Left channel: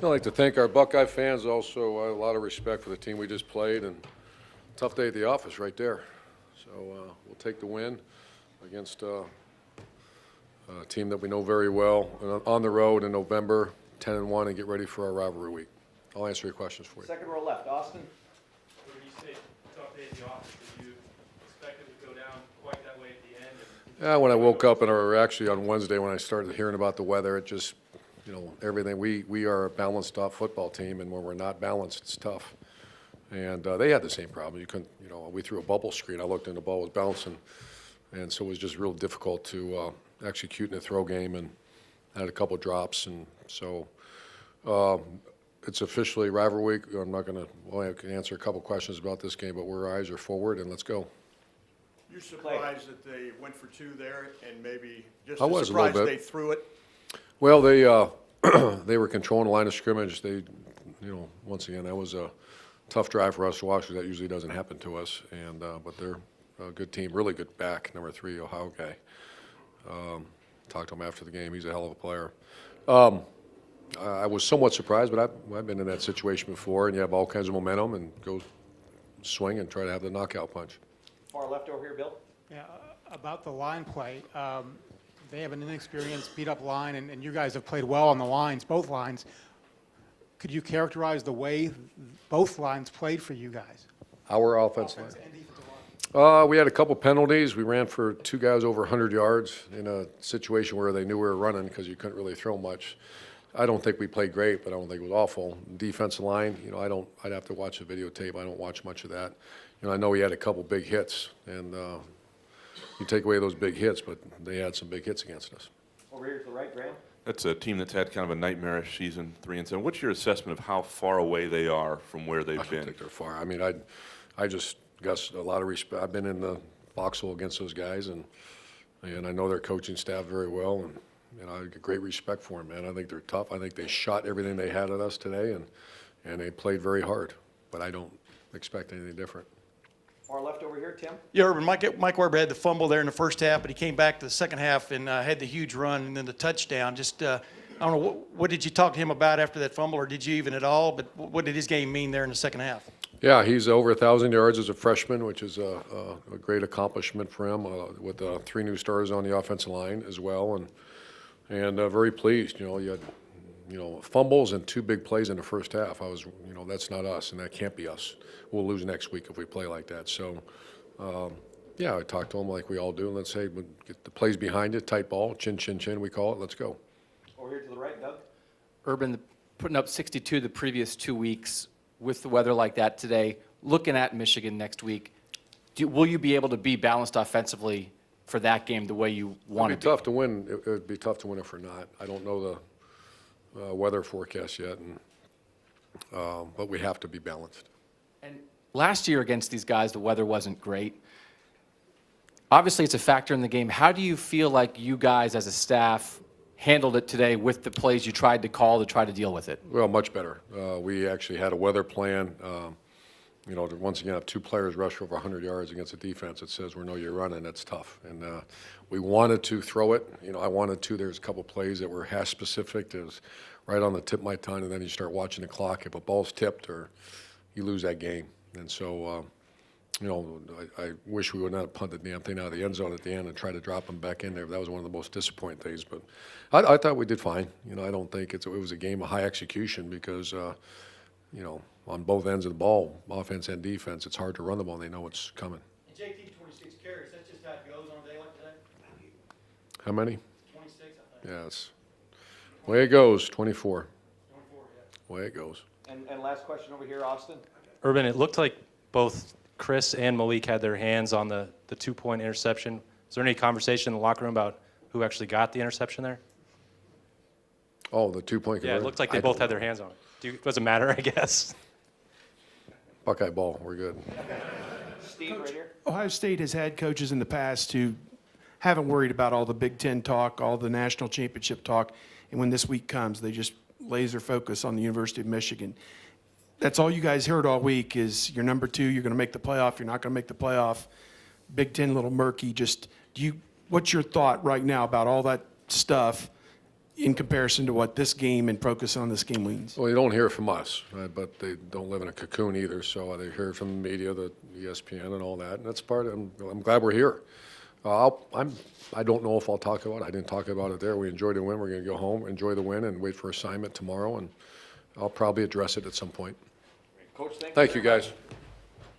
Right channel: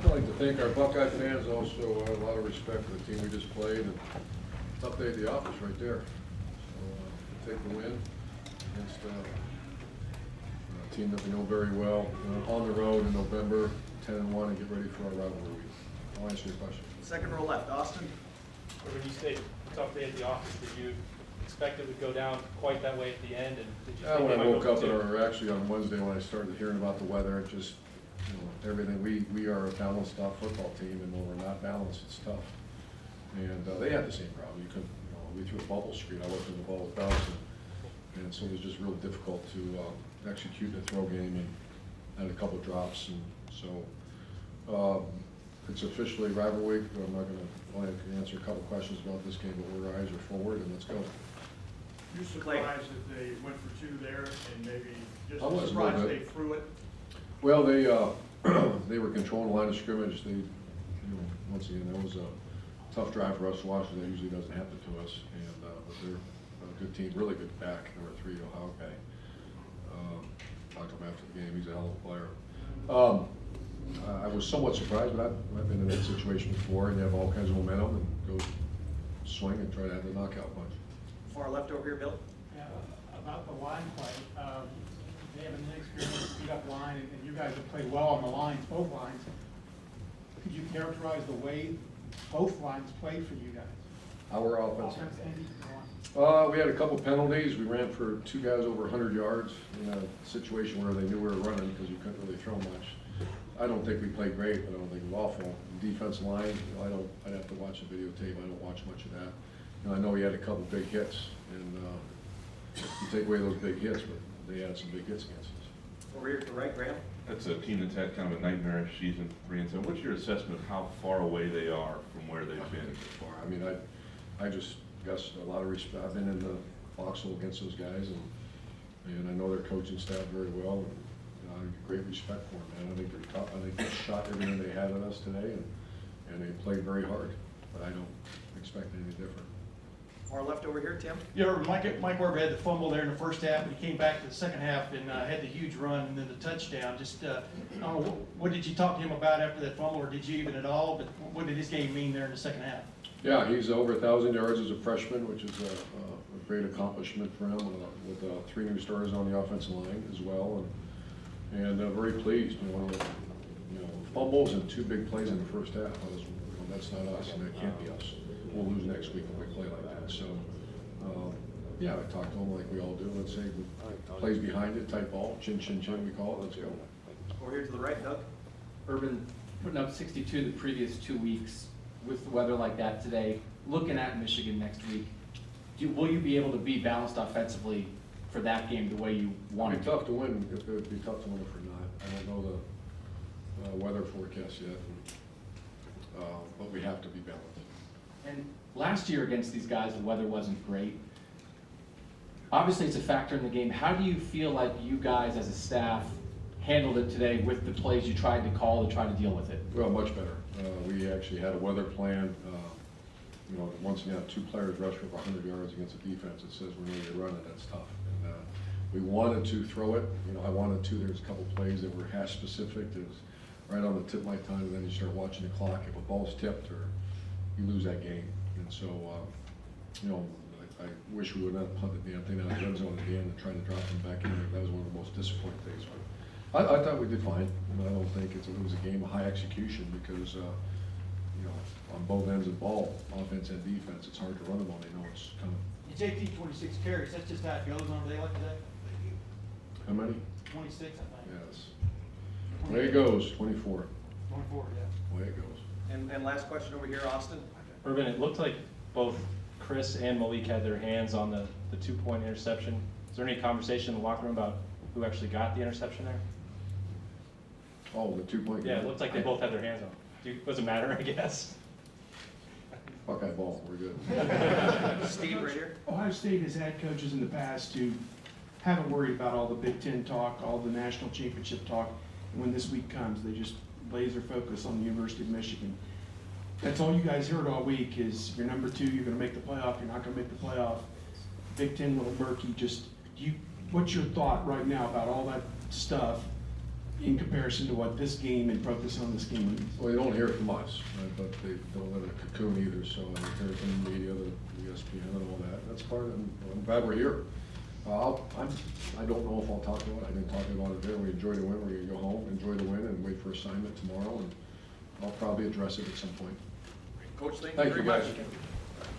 I'd like to thank our Buckeye fans. Also, I have a lot of respect for the team we just played, and tough day at the office right there. So we'll take the win against a team that we know very well, and on the road in November, 10-1, and get ready for our rivalry week. I'll answer your questions for you. Second row left, Austin. Or when you say tough day at the office, did you expect it would go down quite that way at the end? And did you Yeah, when I woke up, and or actually on Wednesday when I started hearing about the weather, it just, everything. We are a balanced off football team, and when we're not balanced, it's tough. And they had the same problem. You couldn't, we threw a bubble screen. I looked and the ball was bouncing, and so it was just real difficult to execute in the throw game, and had a couple of drops, and so it's officially rivalry week. I'm not going to. Well, I can answer a couple questions about this game, but our eyes are forward, and let's go. You surprised that they went for two there, and maybe just I was a surprised little bit. they threw it? Well, they were controlling the line of scrimmage. They, once again, that was a tough drive for us to watch, because that usually doesn't happen to us. And but they're a good team, really good back, number 3, Ohio guy. Talked to him after the game. He's a hell of a player. I was somewhat surprised, but I've been in that situation before, and you have all kinds of momentum and go swing and try to have the knockout punch. Far left over here, Bill. Yeah, about the line play, they have an inexperienced, beat-up line, and you guys have played well on the lines, both lines. Could you characterize the way both lines played for you guys? Our offense. Offense and defensive line. We had a couple penalties. We ran for 2 guys over 100 yards in a situation where they knew we were running, because you couldn't really throw much. I don't think we played great, but I don't think it was awful. Defensive line, I'd have to watch the videotape. I don't watch much of that. I know he had a couple big hits, and you take away those big hits, but they had some big hits against us. Over here to the right, Graham. That's a team that's had kind of a nightmarish season, 3-7. What's your assessment of how far away they are from where I they've don't been? think they're far. I mean, I just got a lot of respect. I've been in the foxhole against those guys, and I know their coaching staff very well, and I get great respect for them, man. I think they're tough. I think they shot everything they had at us today, and they played very hard. But I don't expect anything different. Far left over here, Tim. Yeah, Urban, Mike Weber had the fumble there in the first half, but he came back to the second half and had the huge run and then the touchdown. Just, I don't know, what did you talk to him about after that fumble, or did you even at all? But what did his game mean there in the second half? Yeah, he's over 1,000 yards as a freshman, which is a great accomplishment for him, with 3 new starters on the offensive line as well, and very pleased. You had, fumbles and 2 big plays in the first half. That's not us, and that can't be us. We'll lose next week if we play like that. So, yeah, I talked to him like we all do. Let's say, get the plays behind it, tight ball, chin, chin, chin, we call it. Let's go. Over here to the right, Doug. Urban putting up 62 the previous 2 weeks with the weather like that today. Looking at Michigan next week, will you be able to be balanced offensively for that game the way you want It'd to be be? tough to win. It'd be tough to win if we're not. I don't know the weather forecast yet, but we have to be balanced. And last year against these guys, the weather wasn't great. Obviously, it's a factor in the game. How do you feel like you guys as a staff handled it today with the plays you tried to call to try to deal with it? Well, much better. We actually had a weather plan. To once again have 2 players rush for over 100 yards against a defense that says we know you're running. That's tough. And we wanted to throw it. I wanted to. There's a couple plays that were hash specific. It was right on the tip of my tongue, and then you start watching the clock. If a ball's tipped, or you lose that game. And so, I wish we would not have punted the damn thing out of the end zone at the end and tried to drop them back in there. That was one of the most disappointing things. But I thought we did fine. I don't think it was a game of high execution, because on both ends of the ball, offense and defense, it's hard to run the ball. They know it's coming. JT 26 carries, that's just how it goes on a day like today? How many? 26, I think. Yes. Way it goes, 24. 24, yeah. Way it goes. And last question over here, Austin. Urban, it looked like both Chris and Malik had their hands on the 2-point interception. Is there any conversation in the locker room about who actually got the interception there? Oh, the 2-point. Yeah, it looked like they both had their hands on it. Does it matter, I guess? Buckeye ball, we're good. Steve, right here. Ohio State has had coaches in the past who haven't worried about all the Big Ten talk, all the national championship talk, and when this week comes, they just laser focus on the University of Michigan. That's all you guys heard all week is you're number 2, you're going to make the playoff, you're not going to make the playoff. Big Ten a little murky. What's your thought right now about all that stuff in comparison to what this game and focus on this game means. Well, you don't hear from us, but they don't live in a cocoon either, so they hear from the media, the ESPN and all that. That's part of, I'm glad we're here. I don't know if I'll talk about it. I didn't talk about it there. We enjoyed the win. We're gonna go home, enjoy the win, and wait for assignment tomorrow, and I'll probably address it at some point. Coach, Thank you, very guys. much.